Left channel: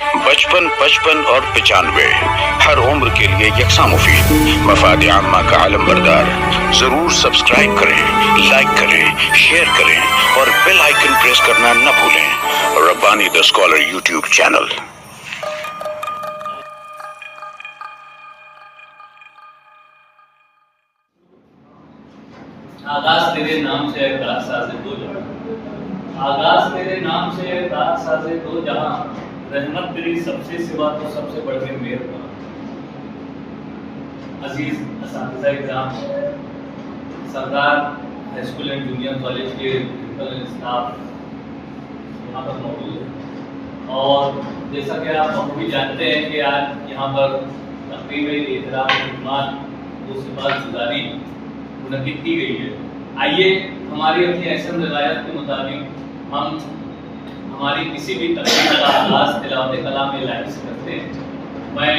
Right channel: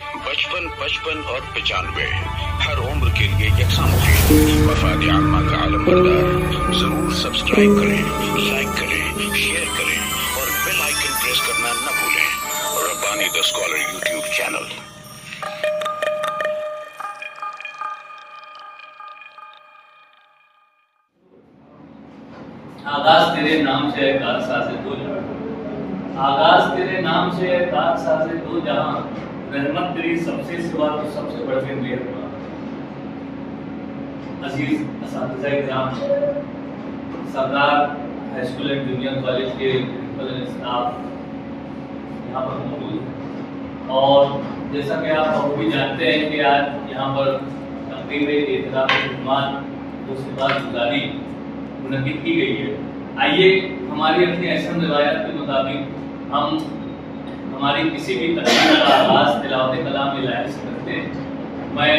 55 55 اور 95 ہر عمر کے لیے یکساں مفید۔ مفاد عامہ کا عالم بردار، ضرور سبسکرائب کریں، لائک کریں، شیئر کریں اور بیل آئیکن پریس کرنا نہ بھولیں۔ ربانی دا اسکالر یوٹیوب چینل۔ آغاز تیرے نام سے ہے کارساز دو جہاں، آغاز تیرے نام سے ہے کارساز دو جہاں، رحمت تیری سب سے سوا تو سب سے بڑھ کے مہربان۔ عزیز اساتذہ کرام، سردار high school and junior college کے پرنسپل اینڈ اسٹاف یہاں پر موجود ہیں، اور جیسا کہ آپ بھی جانتے ہیں کہ آج یہاں پر تقریب احترام خدمات و سپاسگزاری منعقد کی گئی ہے۔ آئیے ہماری اپنی احسن روایت کے مطابق ہم ہماری کسی بھی تقریب کا آغاز تلاوت کلام الہی سے کرتے ہیں۔ میں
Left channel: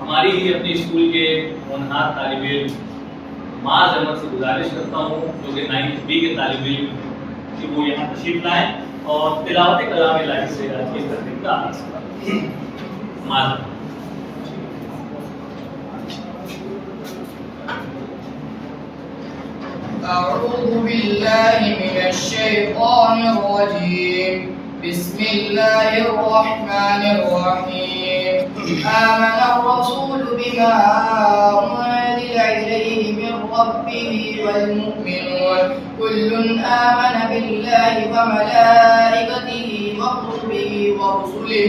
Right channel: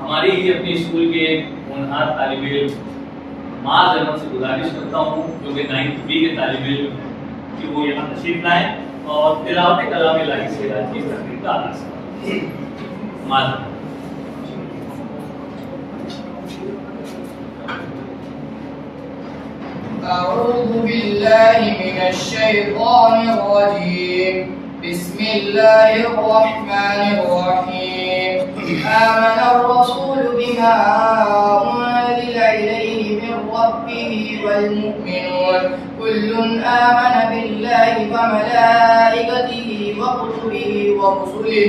ہماری ہی اپنی اسکول کے ہونہار طالب علم معاذ احمد سے گزارش کرتا ہوں، جو کہ 9th B کے طالب علم ہیں، کہ وہ یہاں تشریف لائیں اور تلاوت کلام الہی سے آج کی تقریب کا آغاز کریں۔ معاذ احمد۔ أعوذ بالله من الشيطان الرجيم. بسم الله الرحمن الرحيم. آمن الرسول بما أنزل إليه من ربه والمؤمنون كل آمن بالله وملائكته وكتبه ورسله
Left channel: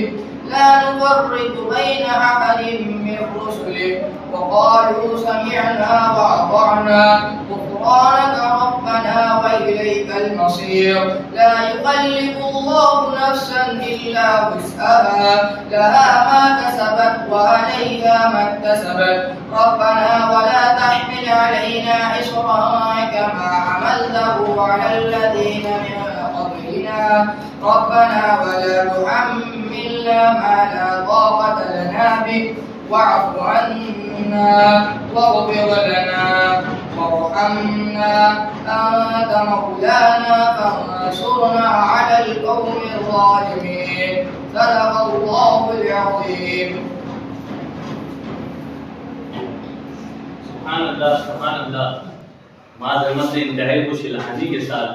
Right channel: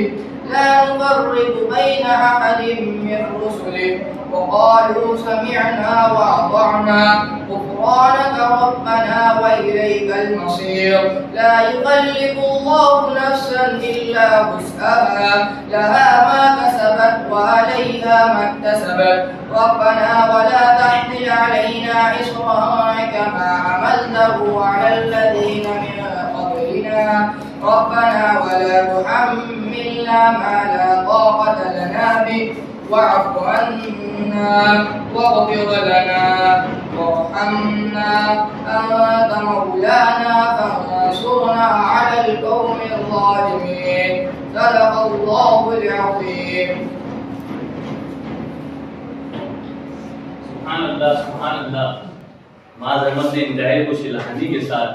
لا نفرق بين أحد من رسله وقالوا سمعنا وأطعنا غفرانك ربنا وإليك المصير. لا يكلف الله نفسا إلا وسعها لها ما كسبت وعليها ما اكتسبت. ربنا ولا تحمل علينا إصرا كما حملته على الذين من قبلنا ربنا ولا تحملنا ما لا طاقة لنا به واعف عنا واغفر لنا وارحمنا أنت مولانا فانصرنا على القوم الظالمين. صدق الله العظيم. سبحان اللہ، سبحان اللہ۔ معاذ احمد نے انتہائی خوش الحانی کے ساتھ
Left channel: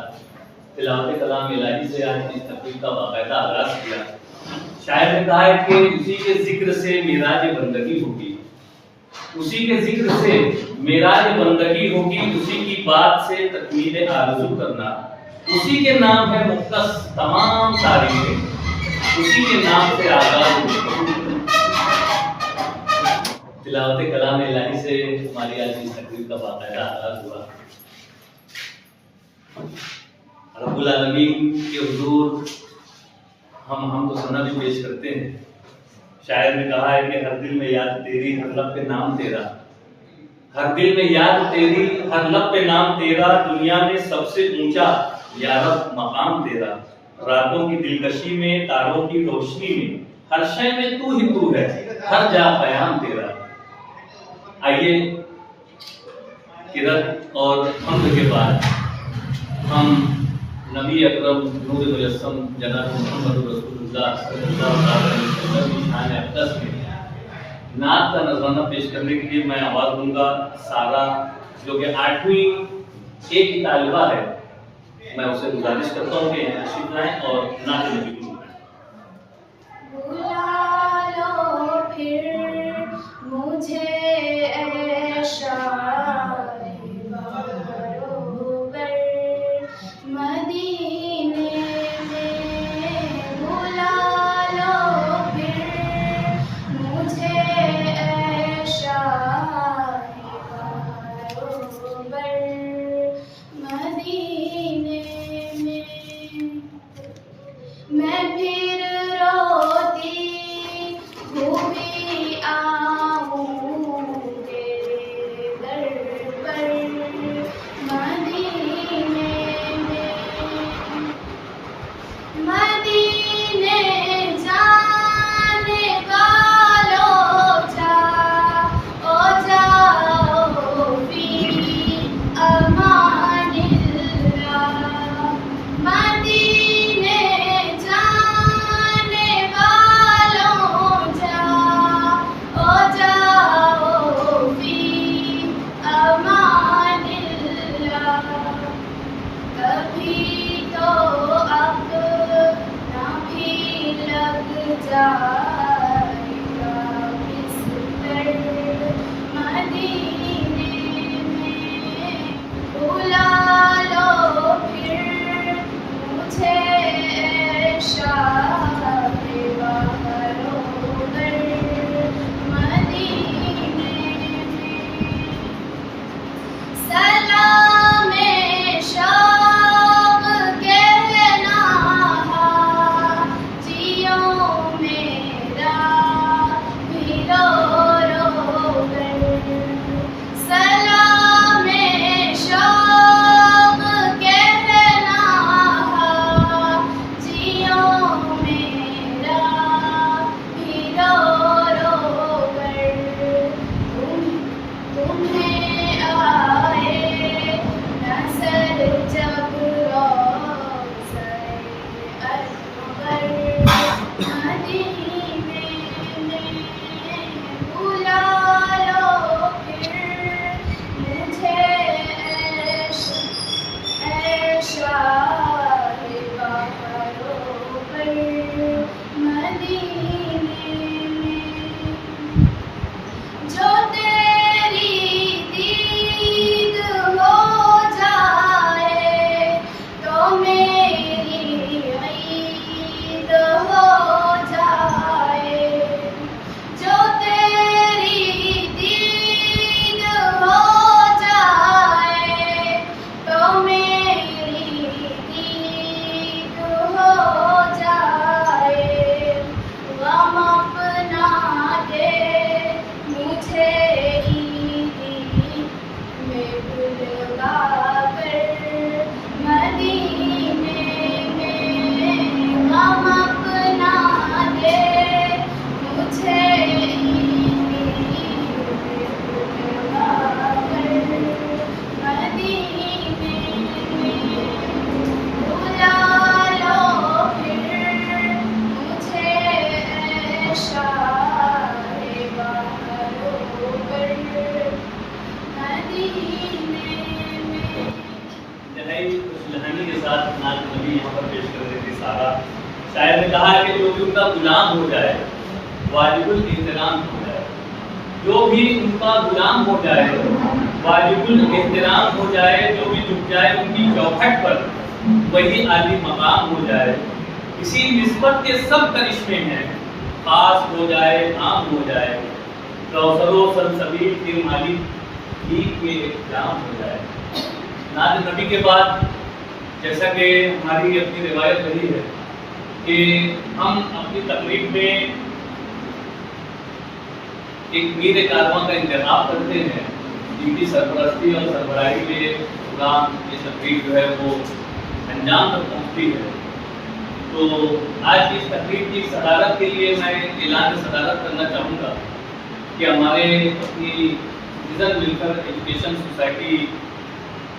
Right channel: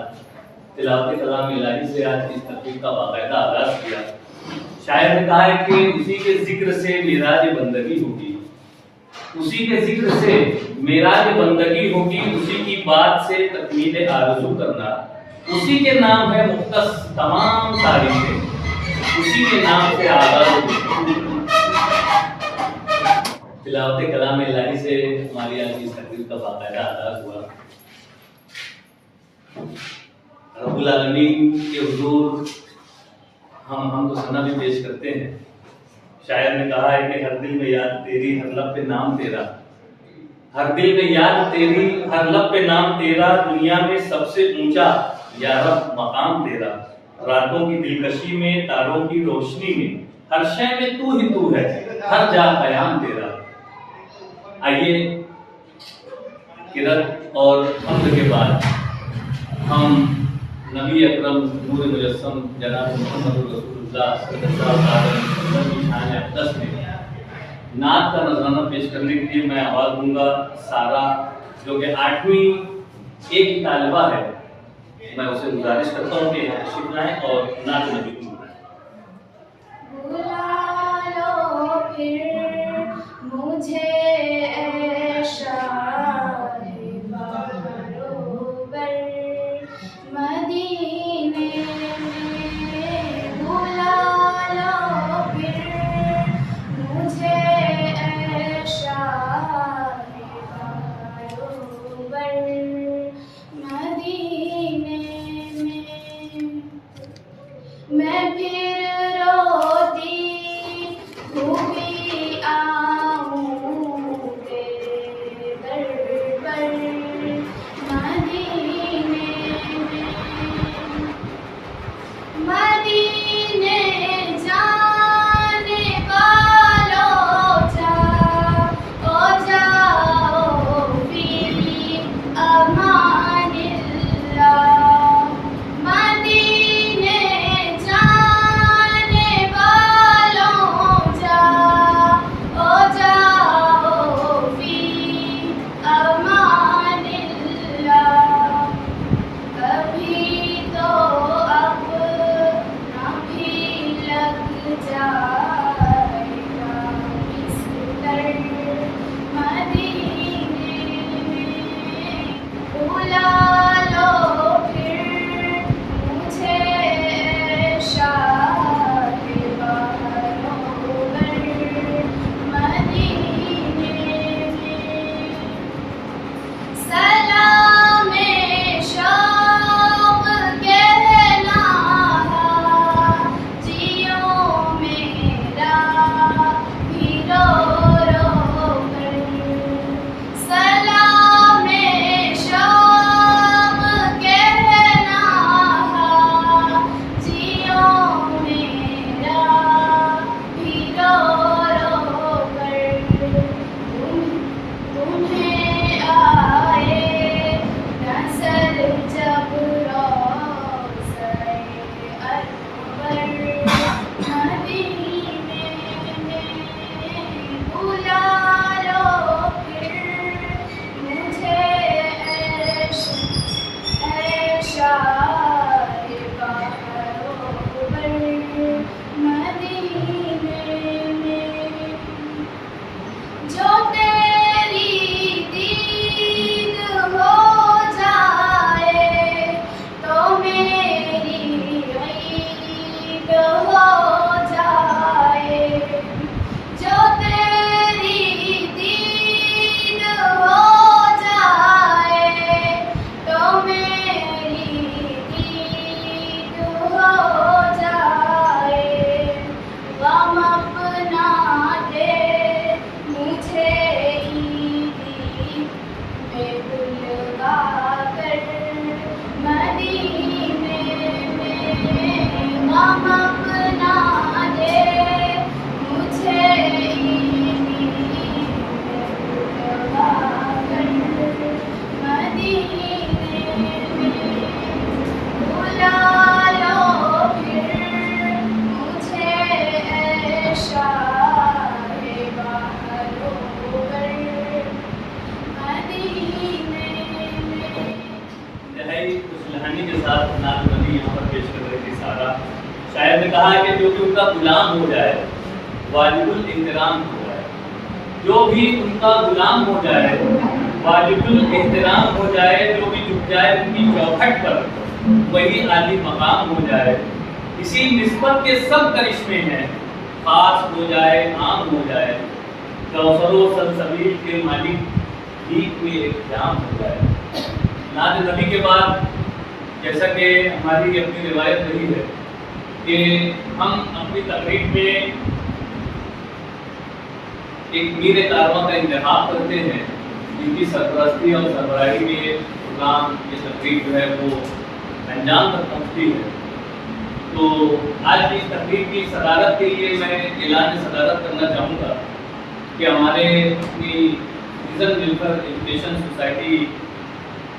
تلاوت کلام الہی سے آج کی اس تقریب کا باقاعدہ آغاز کیا۔ شاعر نے کہا ہے کہ اسی کے ذکر سے معراج بندگی ہوگی، اسی کے ذکر سے معراج بندگی ہوگی، اسی کی بات سے تکمیل آرزو کرنا، اسی کے نام ہے مختص تمام تاریخیں، اسی کے نام سے آغاز ہوگی۔ تلاوت کلام الہی سے ہماری آج کی تقریب کا باقاعدہ آغاز ہوا۔ رب العالمین کے حضور ہم تو سنا بھی پیش کرتے ہیں۔ شاعر نے کہا ہے کہ ہر دل میں یاد تیری، ہر لب پہ نام تیرا، ہر دل میں یاد تیری، ہر لب پہ نام تیرا، دنیا میں سب سے اونچا یا رب مقام تیرا، راتوں کی دلکشی میں، تاروں کی روشنی میں، ہر شے میں تو ہی تو ہے، ہر جا قیام تیرا۔ آئیے قرأت اور حمد کے بعد ہم نبی اکرم نور مجسم جناب محمد رسول اللہ صلی اللہ علیہ وسلم کی شان اقدس میں نعت کا نذرانہ پیش کرنے کے لیے میں آواز دوں گا سارا، جو کہ 8ویں A کی طالبہ ہے۔ میں اسے گزارش کرتا ہوں کہ یہاں تشریف لائیں اور نعت نبی کو بلا لو پھر مجھے اے شاہ باروبر مدینے میں، بلا لو پھر مجھے اے شاہ باروبر مدینے میں۔ میں جائے گا بستر مدینے میں بلا لو پھر مجھے شاہ بہروبر مدینے میں سلام شوق کہنا جیو میرا بھی رو رو کر سلام شوق کہنا جیو میرا بھی رو رو کر تمہیں آئے نظر جب روضۂ انور مدینے میں بلا لو پھر مجھے اے شاہ بہروبر مدینے میں جو تیری دید ہو جائے تو میری عید ہو جائے جو تیری دید ہو جائے تو میری دید ہو جائے غم اپنا دے مجھے عیدی میں بلوا کر مدینے میں غم اپنا دے مجھے عیدی میں بلوا کر مدینے میں بلا لو پھر مجھے اے شاہ بہروبر مدینے میں انتہائی کچھ لہانی کے ساتھ نعت نبی یہاں پر پیش کر رہی تھی سارا. شاعر نے کہا ہے کہ جو بھی ان کا غلام ہو جائے واجب الاحترام ہو جائے. جو بھی ان کا غلام ہو جائے واجب الاحترام ہو جائے. جو بھی جھک جائے ان کی چوکھٹ پر وہی عالی مقام ہو جائے. اسی نسبت کے سب کرشمے ہیں خاص ہو جائے عام ہو جائے. کوثر و سلسبیل کے مالک بھیک میں ایک جام ہو جائے. نعت نبی کے بعد جیسا کہ ہماری اپنی روایت رہی ہے کہ ہم اپنی تقریب میں ایک میر کارواں کا انتخاب کرتے ہیں جن کی سرپرستی اور سربراہی میں پروگرام یہ تقریب جو ہے وہ انجام تک پہنچتی ہے. تو آج کی اس تقریب کی صدارت کے لیے میں اعلان صدارت کرنا چاہوں گا کہ ہمارے اپنی سٹیزن ویلفیئر ایجوکیشن سوسائٹی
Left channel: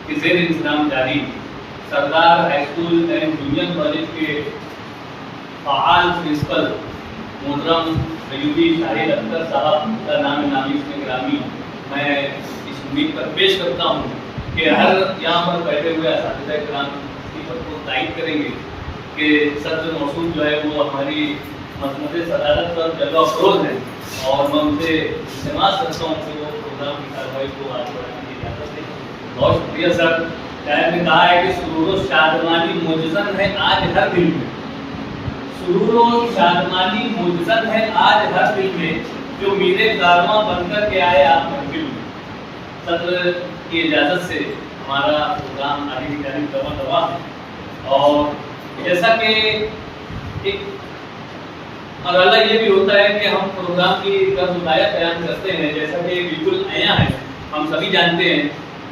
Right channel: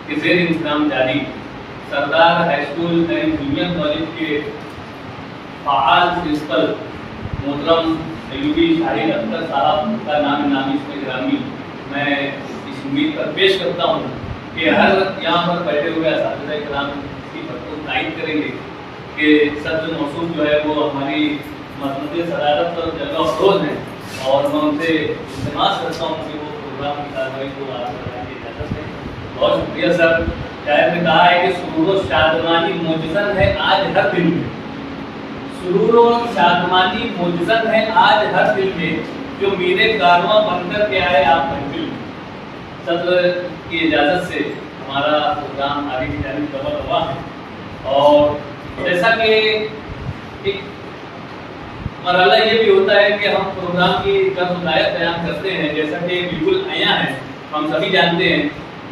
کے زیر انتظام جاری سردار high school and junior college کے فعال پرنسپل محترم ایوبی شاہد اختر صاحب کا نام نامی اس میں گرامی میں اس امید پر پیش کرتا ہوں کہ ہر یہاں پر بیٹھے ہوئے اساتذہ کرام اس کی بھرپور تائید کریں گے کہ صدر موصوف جو ہے وہ ہماری مذمت صدارت پر جلوہ افروز ہیں اور میں ان سے التماس کرتا ہوں کہ وہ پروگرام کی کارروائی کو آگے بڑھانے کی اجازت دیں. بہت شکریہ سر. شاعر نے کہا ہے کہ سرور و شادمانی معجزن ہے آج ہر دل میں. سرور و شادمانی معجزن ہے آج ہر دل میں جو میرے کارواں بن کر کے آئے آپ محفل میں. صدر کی اجازت سے ہمارا پروگرام آگے کی جانب رواں ہے. اور جیسا کہ ایک مرحلہ یہ بھی ہوتا ہے کہ ہم پروگرام کی طرف ہدایت بیان کرتے ہیں جیسا کہ بالکل عیاں ہے ہم سبھی جانتے ہیں.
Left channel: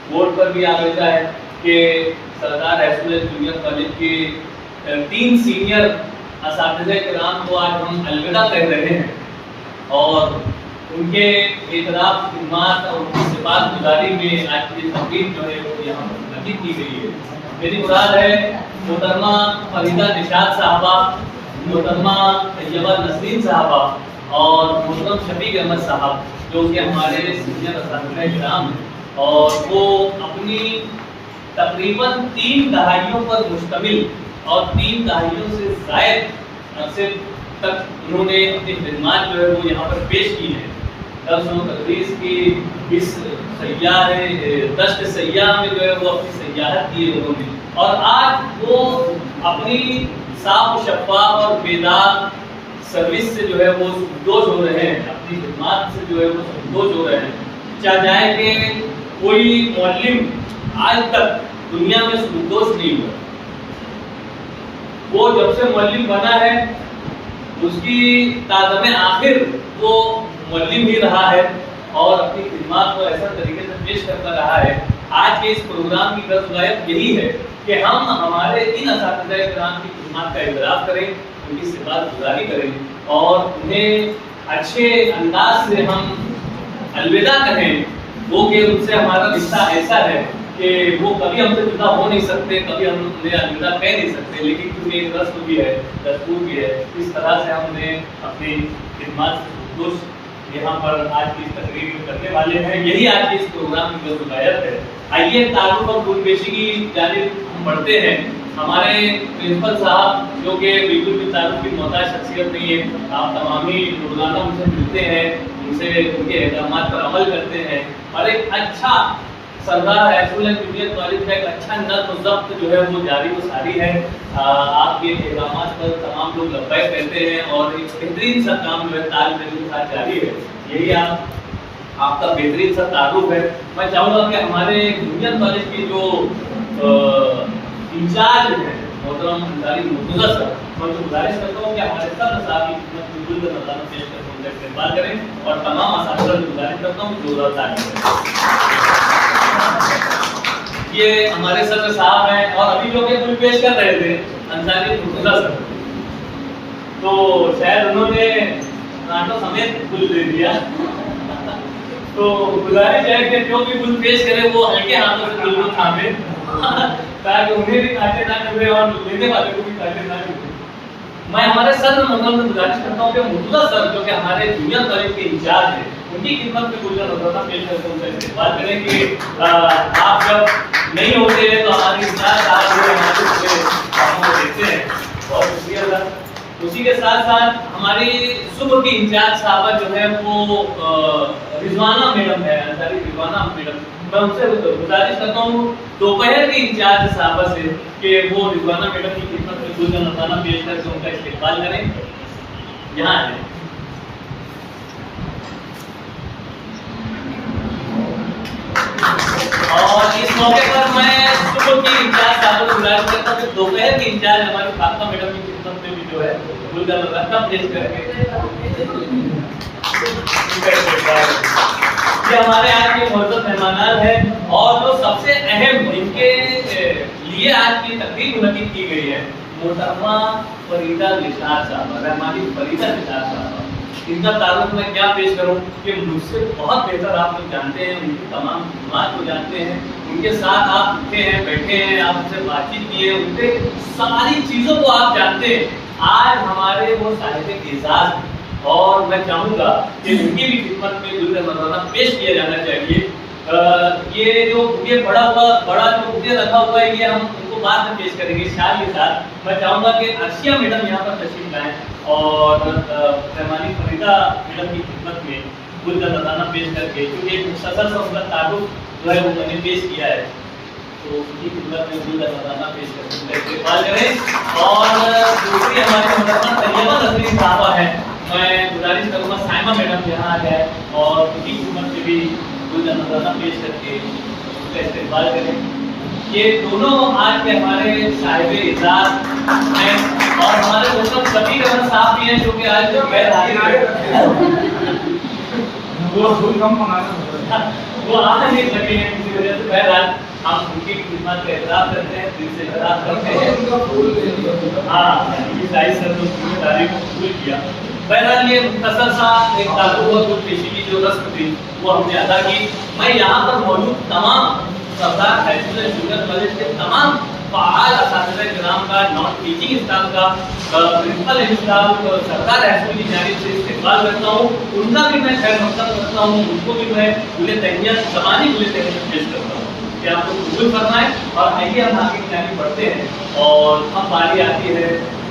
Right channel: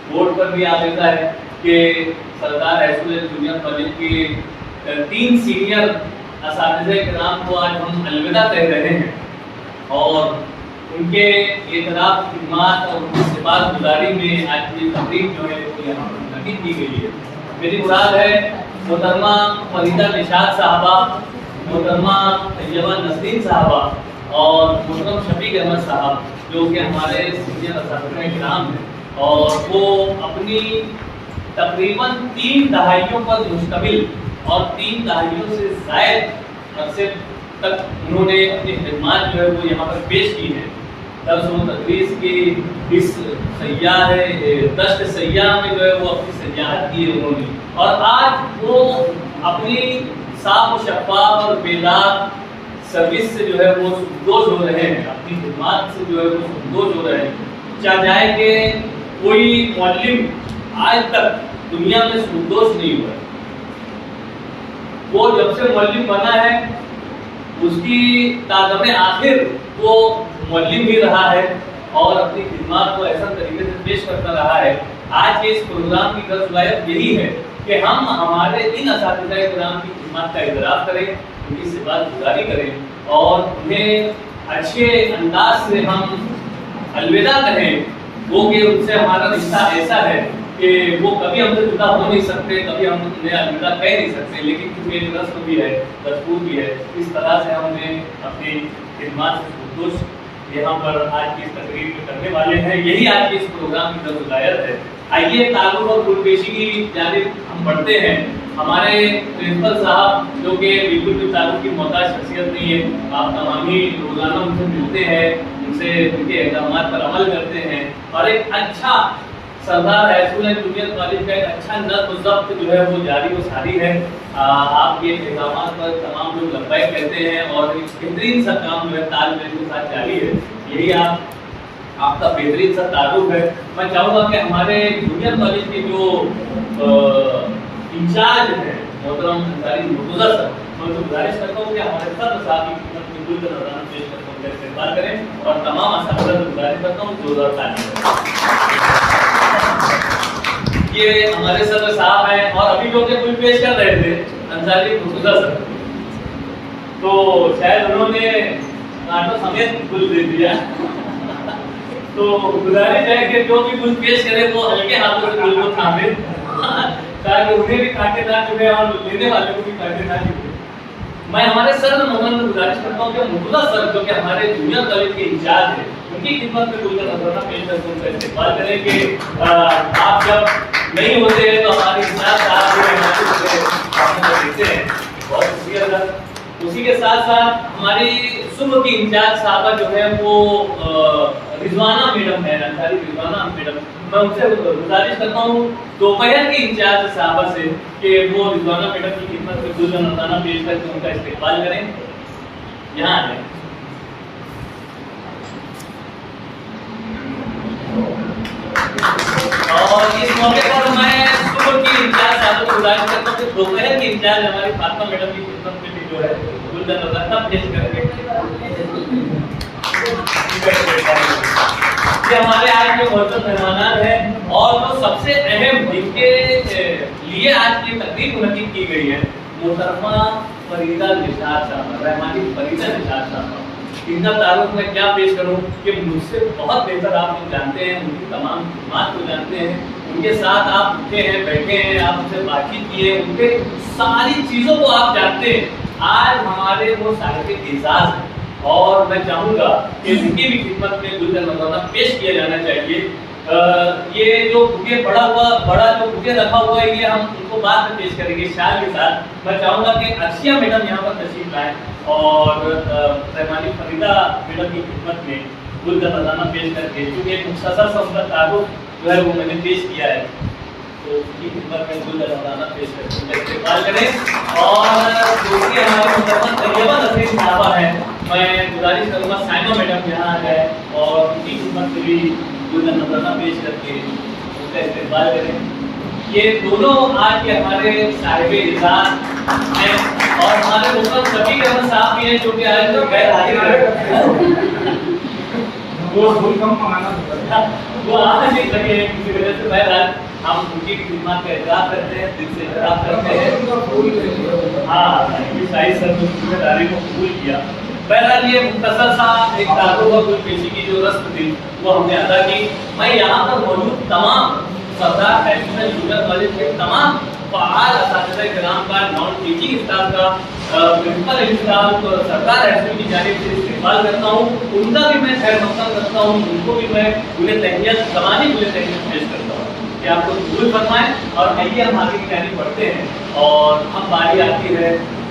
بورڈ پر بھی آویزہ ہے کہ سردار high school and junior college کے 3 سینئر اساتذہ کرام کو آج ہم الوداع کہہ رہے ہیں اور ان کے اعتراف خدمات اور ان کی سپاس گزاری میں آج کی تقریب جو ہے وہ یہاں پر منعقد کی گئی ہے. میری مراد ہے محترمہ فریدہ نشاط صاحبہ, محترمہ طیبہ نسرین صاحبہ اور محترم شفیق احمد صاحب جو کہ ہمارے سینئر اساتذہ کرام ہیں اور وہ اپنی تقریباً 3 دہائیوں پر مشتمل اور 3 دہائیوں سے زائد عرصے تک انہوں نے اپنی خدمات جو ہے وہ یہاں پر پیش کی ہیں. درس و تدریس کی اس دشت سیاح میں جو ہے وہ اپنی سیاحت کی ہے انہوں نے, اور آج وہ اپنی صاف و شفاف اور بیدار سروس سے جو ہے وہ سبکدوش ہو رہے ہیں, اپنی خدمات سے جو ہے وہ سبکدوش ہو رہے ہیں. چاہ جائے کہ کوئی معلم آج تک دنیا میں سبکدوش نہیں ہوا. وہ جب سے معلم بنا ہے اس کی تادم آخر وہ معلم ہی رہا ہے اور اپنی خدمات کو ایسا طریقے سے پیش کرتا رہا ہے. آج کے اس پروگرام کی غرض غایت یہی ہے کہ ہم ہمارے ان اساتذہ کرام کی خدمات کا اعتراف کریں, ان کی سپاس گزاری کریں اور انہیں اچھے انداز سے ہم الوداع کہیں. وہ کہ ان سے ہمارا رشتہ ایسا ہے کہ وہ کبھی ہم سے جدا ہو نہیں سکتے, کبھی ہم انہیں الوداع کہہ نہیں سکتے, لیکن کیونکہ ایک رسم بھی ہے, دستور بھی ہے, اس طرح سے ہم نے اپنی خدمات سے سبکدوش یہاں پر آج کی اس تقریب میں کرنے والے ہیں. یہی آج کے اس پروگرام کی غرض غایت ہے. آئیے تعارف اور گل پیشی کی جانب ہم بڑھتے ہیں. ہمارے پرنسپل صاحب جو کہ بالکل بھی تعارف کی محتاج شخصیت نہیں ہے, آپ تمام ہی روزانہ ان سے ملتے ہیں, ان سے ان کے احکامات پر عمل کرتے ہیں, اور ایک اچھا سردار ہے اسکول اینڈ جونیئر کالج کا ایک اچھا نظم و ضبط جو ہے وہ جاری و ساری ہے. آپ کے احکامات پر تمام لوگ لبیک کہتے ہیں اور ایک بہترین سا کام جو ہے طالب علم کے ساتھ جاری ہے. یہی آپ کا بہترین سا تعارف ہے. میں چاہوں گا کہ ہمارے جونیئر کالج کے جو انچارج ہیں محترم انصاری مرتضیٰ سر, میں ان کو گزارش کرتا ہوں کہ ہمارے صدر صاحب کی خدمت میں گل کا نذرانہ پیش کر کے ان کا استقبال کریں, اور تمام اساتذہ سے گزارش کرتا ہوں زوردار تعلیم کریں. یہ ہمارے صدر صاحب ہیں اور ابھی جو کہ گل پیش کر رہے تھے انصاری مرتضیٰ سر, تو شاید انہوں نے کانٹوں سمیت گل دے دیا. تو گزارش ہے کہ جو بھی گل پیش کرے وہ ہلکے ہاتھوں سے گل کو تھامے تاکہ انہیں بھی کانٹے نہ چبھے اور لینے والے کو بھی کانٹے نہ چبھے. میں ہمارے صدر محترم سے گزارش کرتا ہوں کہ مرتضیٰ سر جو کہ ہمارے جونیئر کالج کے انچارج ہیں, ان کی خدمت میں گل کا نذرانہ پیش کر کے ان کا استقبال کریں کہ آپ جب نہیں ہوتے ہیں تو ہماری انچارج صاحب جو ہمارے کاموں کو دیکھتے ہیں. بہت شکریہ سر. اسی کے ساتھ ساتھ ہماری صبح کی انچارج صاحبہ جو ہے وہ رضوانہ میڈم ہے, انصاری رضوانہ میڈم. میں ان سے گزارش کرتا ہوں دوپہر کی انچارج صاحبہ سے کہ وہ رضوانہ میڈم کی خدمت میں گل کا نذرانہ پیش کر کے ان کا استقبال کریں. یہاں آ جائیں. اور اس موقع پر میں صبح کی انچارج صاحب کو گزارش کرتا ہوں کہ دوپہر کی انچارج ہماری فاطمہ میڈم کی خدمت میں بھی جو ہے گل کا نذرانہ پیش کر کے یہ ہمارے آج کے معزز مہمانان ہیں, اور جو سب سے اہم جن کے لیے آج کی تقریب منعقد کی گئی ہے محترمہ فریدہ نثار صاحبہ, رحمانی فریدہ نثار صاحبہ. ان کا تعارف میں کیا پیش کروں کہ مجھ سے بہت بہتر آپ لوگ جانتے ہیں, ان کی تمام خدمات کو جانتے ہیں, ان کے ساتھ آپ اٹھے ہیں, بیٹھے ہیں, آپ ان سے بات چیت کی ہے, ان کے ساری چیزوں کو آپ جانتے ہیں. آج ہمارے وہ صاحب اعزاز ہیں اور میں چاہوں گا کہ ان کی بھی خدمت میں گل کا نذرانہ پیش کیا جانا چاہیے. یہ جو بکے بڑا جو بکے رکھا ہوا ہے یہ ہم ان کو بعد میں پیش کریں گے شال کے ساتھ. میں چاہوں گا کہ عرشیہ میڈم یہاں پر تشریف لائیں اور رحمانی فریدہ میڈم کی خدمت میں گل کا نذرانہ پیش کر کے, کیونکہ ایک مختصر سا ان کا تعارف جو ہے وہ میں نے پیش کیا ہے, تو ان کی خدمت میں گل کا نذرانہ پیش کر کے ان کا استقبال کریں. اور دوسری ہمارے محترمہ طیبہ نسرین صاحبہ ہیں, میں گزارش کروں گا سائمہ میڈم یہاں آ جائے اور ان کی خدمت میں بھی گل کا نذرانہ پیش کر کے ان کا استقبال کریں. یہ دونوں آج کے ہمارے صاحب اعزاز ہیں اور ہمارے دوستوں شفیق احمد صاحب بھی ہیں جو کہ آج غیر حاضر ہیں. وہ آ نہیں سکے ہیں کسی وجہ سے. بہرحال ہم ان کی خدمات کا اعتراف کرتے ہیں, دل سے اعتراف کرتے ہیں. ہاں شاہد سر نے ذمہ داری کو قبول کیا. بہرحال یہ مختصر سا ایک تعارف اور گل پیشی کی جو رسم تھی وہ ہم نے ادا کی. میں یہاں پر موجود تمام سردار اسکول اینڈ جونیئر کالج کے تمام فعال اساتذہ کرام کا, نان ٹیچنگ اسٹاف کا, پرنسپل اسٹاف, سرکار اسکول کی جانب سے استقبال کرتا ہوں. ان کا بھی میں خیر مقدم کرتا ہوں, ان کو بھی میں گل تہنیت زبانی گل تہنیت پیش کرتا ہوں کہ آپ کو قبول فرمائیں. اور آئیے ہم آگے کی جانب بڑھتے ہیں اور ہم باری آتی ہے